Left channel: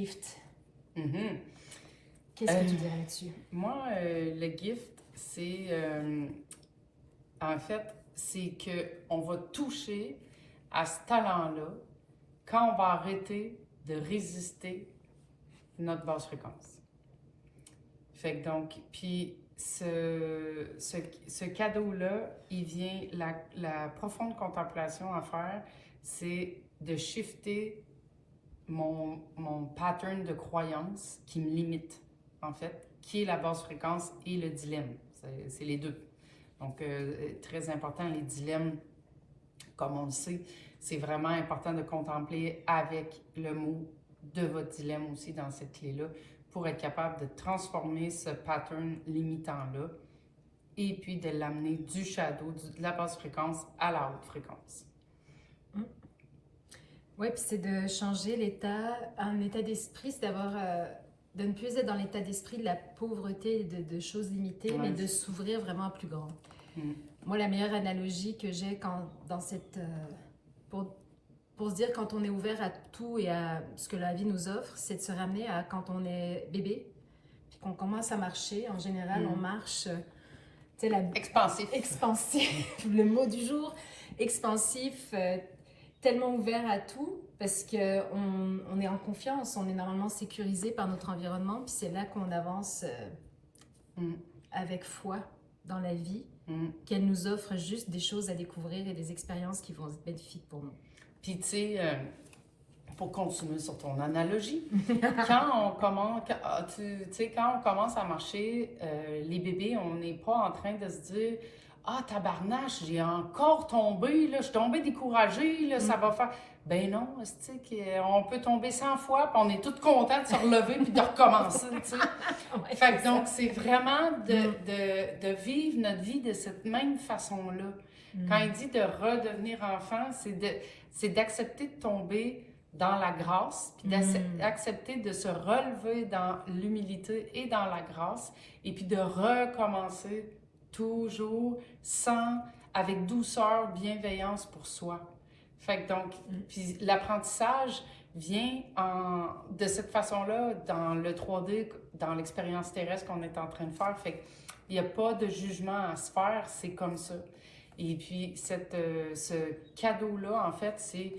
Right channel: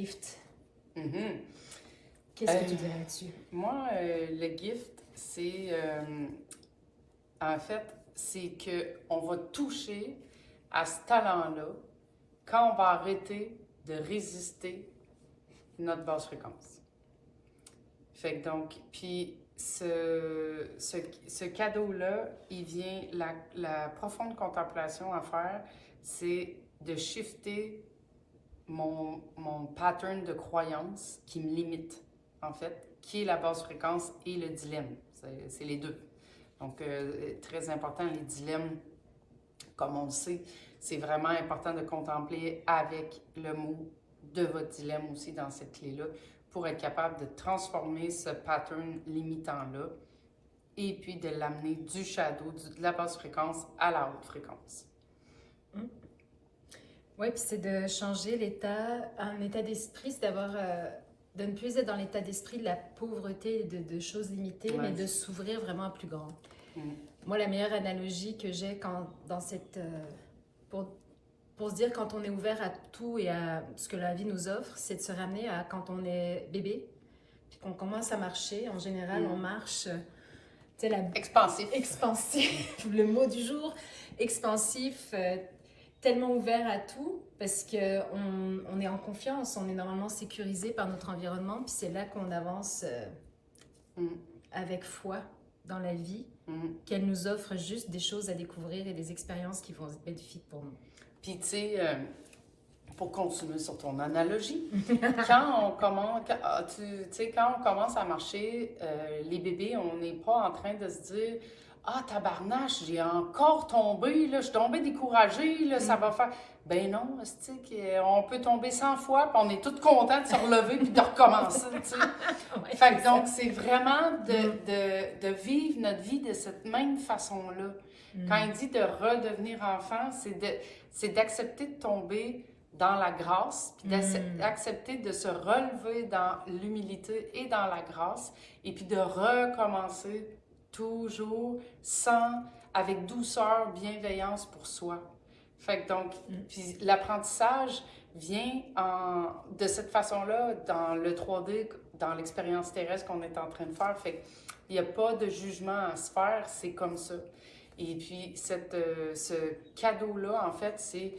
gift. Mhm. Qu'est-ce que tu dirais là-dessus? Moi, le gift, c'est... en fait, c'est qu'on va toucher à ce talent-là quand on va arrêter de résister notre basse fréquence. Fait que donc, puis ce cadeau-là, il vient, la profonde contemplation à faire, c'est de shifter mon pattern de croyance qui me limite, en fait, qui est la basse fréquence et le dilemme. C'est les deux. Donc, très important, les dilemmes, comme on le sait, c'est vraiment important de contempler avec le mot de votre dilemme aussi dans cette clé-là pour être capable de transformer ce pattern limitant-là et puis de l'amener du shadow, de la basse fréquence à la haute fréquence. Oui, puis c'est de changer un état d'esprit, c'est d'avoir, de ne plus être dans l'état d'esprit de la pauvreté de choses limitées, mais de s'ouvrir vraiment à plus grand. Moi, la meilleure analogie que j'ai dans cette... pour se dire quand on est ouvert à tout et à ce que la vie nous offre, c'est de se ramener à quand on est bébé, puis qu'on commence à marcher. En général, on marche... Expansif. Expansif, le mot du jour. Expansif, tellement ouvert à tout, parce qu'on est en confiance, on est normalement sécurisé par notre environnement, puis c'est là qu'on avance avec foi dans la vie, qu'elle nous offre juste des choses à découvrir et des expériences qui vont être bénéfiques pour nous. Puis, tu sais, pour continuer sur ton analogie, quand on commence à marcher, les bébés, on n'est pas en train de se dire « Ah, tabarnache, j'ai encore tombé, là, je suis tombée découragée, là, ça va faire... » Ben non, on peut tomber 100 fois, puis on est tous contents de se relever puis de recommencer, tu sais. Ouais, Fait que donc, c'est vraiment de vivre notre vie de cette même façon-là. Quand il dit de redevenir enfant, c'est d'accepter de tomber dans la grâce, puis d'accepter de se relever dans l'humilité et dans la grâce, et puis de recommencer toujours avec douceur, bienveillance pour soi. Fait que donc, puis l'apprentissage vient de cette façon-là dans le 3D, dans l'expérience terrestre qu'on est en train de faire. Fait qu'il n'y a pas de jugement à se faire, c'est comme ça. Et puis, ce cadeau-là, en fait, c'est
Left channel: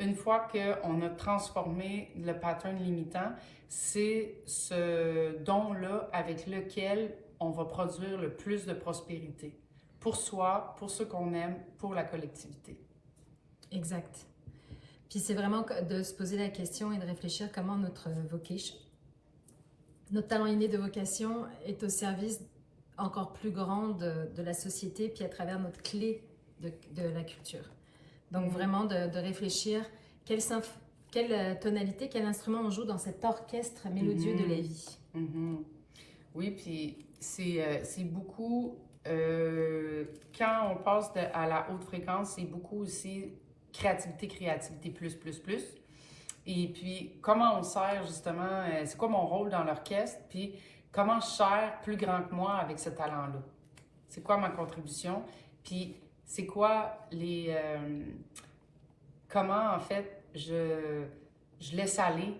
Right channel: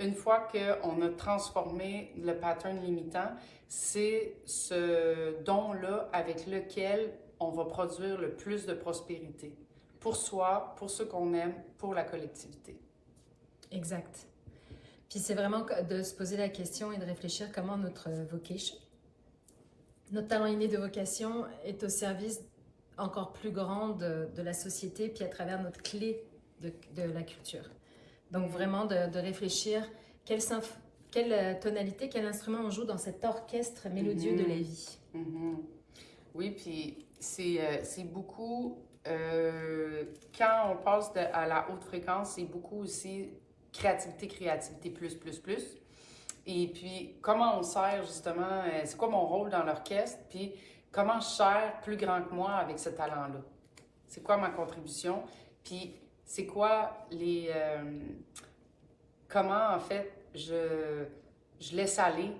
une fois qu'on a transformé le pattern limitant, c'est ce don-là avec lequel on va produire le plus de prospérité pour soi, pour ceux qu'on aime, pour la collectivité. Exact. Puis c'est vraiment de se poser la question et de réfléchir comment notre vocation, notre talent inné de vocation est au service encore plus grand de la société, puis à travers notre clé de la culture. Donc vraiment de réfléchir quelle tonalité, quel instrument on joue dans cet orchestre mélodieux de la vie. Oui, puis c'est beaucoup, quand on passe à la haute fréquence, c'est beaucoup aussi créativité, plus. Et puis, comment on sert justement, c'est quoi mon rôle dans l'orchestre, puis comment je sers plus grand que moi avec ce talent-là? C'est quoi ma contribution? Puis, c'est quoi comment en fait je laisse aller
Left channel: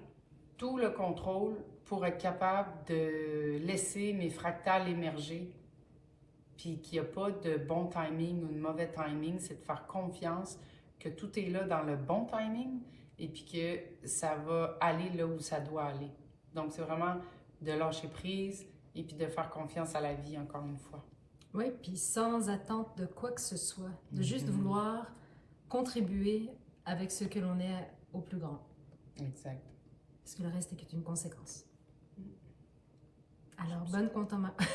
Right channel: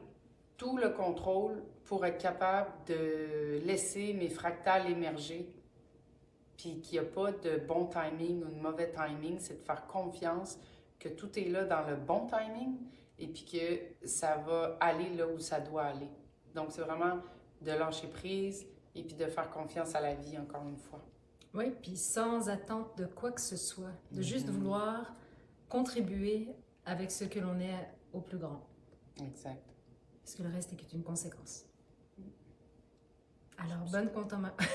tout le contrôle pour être capable de laisser mes fractales émerger, puis qu'il n'y a pas de bon timing ou de mauvais timing, c'est de faire confiance que tout est là dans le bon timing et puis que ça va aller là où ça doit aller. Donc, c'est vraiment de lâcher prise et puis de faire confiance à la vie, encore une fois. Oui, puis sans attente de quoi que ce soit, de juste vouloir contribuer avec ce que l'on est au plus grand. Exact. Parce que le reste n'est qu'une conséquence. Alors, bonne contemplation.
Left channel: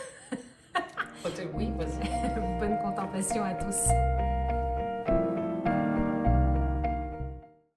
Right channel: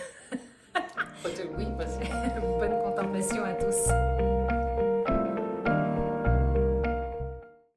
Oui, vas-y. Bonne contemplation à tous.